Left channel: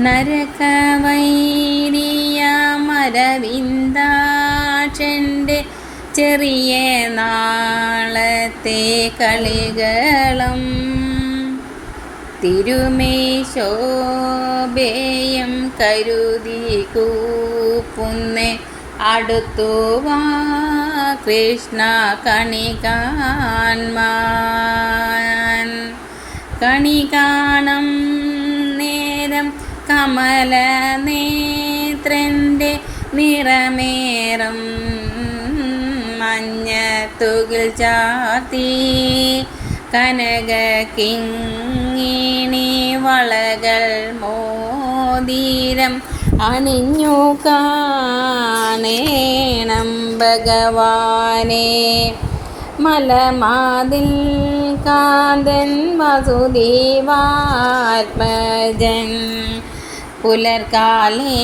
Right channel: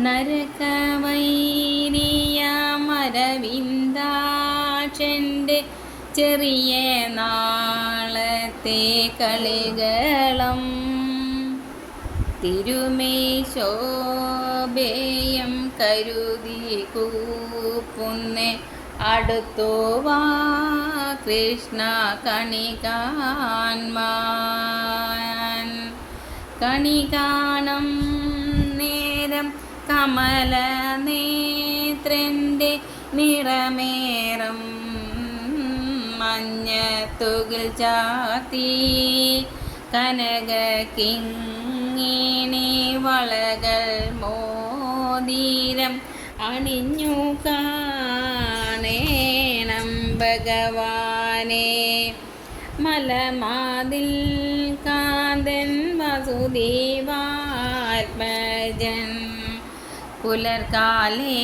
നരകവൈരിയമരവിന്ദാക്ഷന്റെ ചെറിയ നാളത്തെ കളികളം. തിരുമേശോഭേയം കരുതി കൂപ്പുന്ന അടുത്തു വാ കൃഷ്ണ കണി കാൺമാൻ മഞ്ഞ തുകിൽ ചാത്തി കനക കിങ്ങിണി വളകൾ മോതിരം അണിഞ്ഞു കാണേണം ഭഗവാനെ. മലമാതിൽ കാന്തൻ വസുദേവാത്മജൻ പുലർകാലേ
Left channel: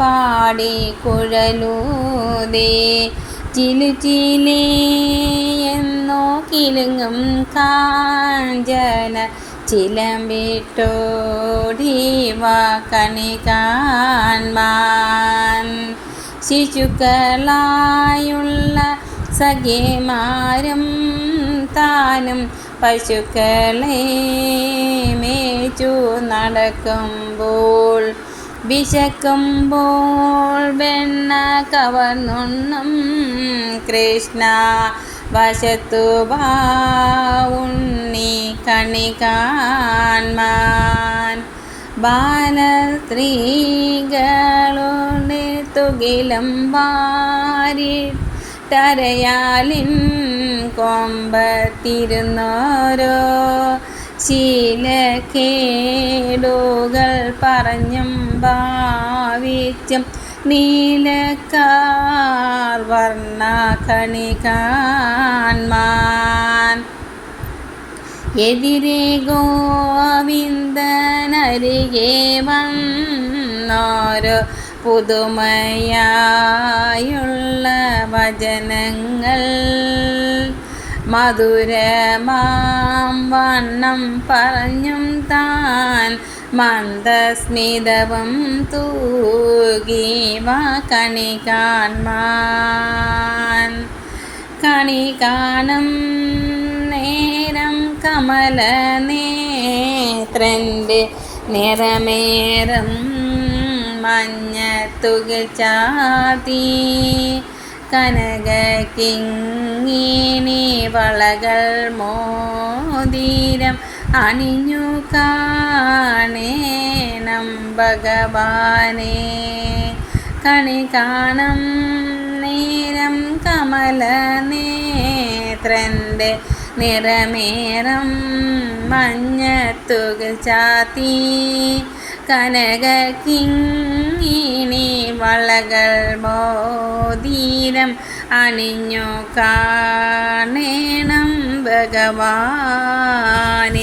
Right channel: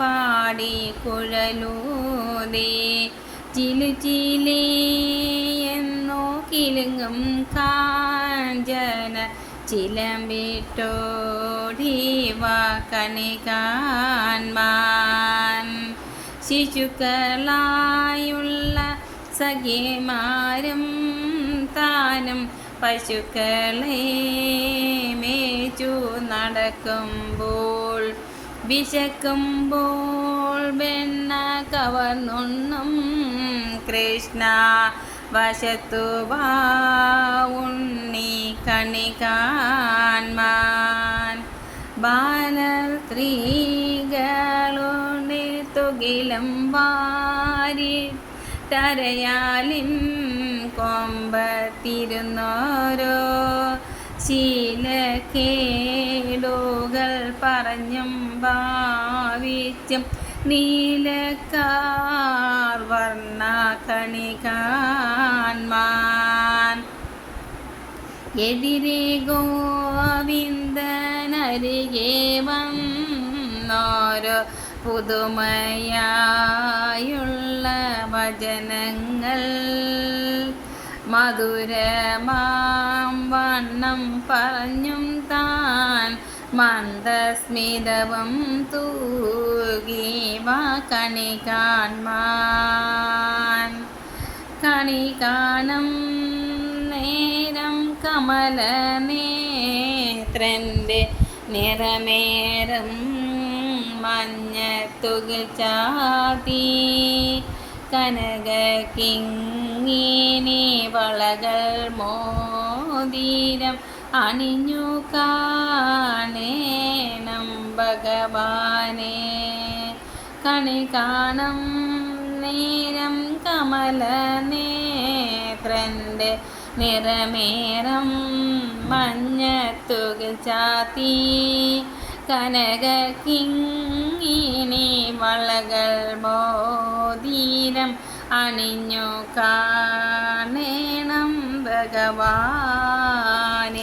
പാടി കുഴലൂതേ. ചിലു ചിലേയെന്നോ കിലുങ്ങും കാഞ്ചന. ചിലമ്പിട്ടോടി കണി കാൺമാൻ ശിശുക്കളായുള്ള സഖിമാരും താനും പശുക്കളെ മേച്ചു നടക്കുമ്പോൾ വിശക്കുമ്പോൾ വെണ്ണ കവർന്നൊന്നും കൃഷ്ണ വശത്തു ഉണ്ണി കണി കാൺമാൻ. ബാലസ്ത്രീകളുടെ തുകിലം വാരി തരയാലിൻ കൊമ്പത്തിരുന്നോരോ. ശീലക്കേടുകൾ പറഞ്ഞും ഭാവിച്ചും നീലക്കാർ വർണ കണികാൻമാൻ എതിരെ ഗോവിന്ദനരികെ വന്നോരോ പുതുമയായുള്ള വചനങ്ങൾ. മധുരമാം വണ്ണം പറഞ്ഞും താൻ മന്ദസ്മിതവും തൂകി വാ കണി കാൺമാൻ കണി കാണും നേരം കമല നേത്രന്റെ നിറമേറും മഞ്ഞ തുകിൽ ചാത്തി കനക കിങ്ങിണി വളകൾ മോതിരം അണിഞ്ഞു കാണേണം ഭഗവാനെ കണി കാണും നേരം കമല നേത്രന്റെ നിറമേറം മഞ്ഞത്തുക ചാത്തി. കനക കിങ്ങിണി വളകൾ ബോധീരം അണിഞ്ഞു കാണേണം ഭഗവാൻ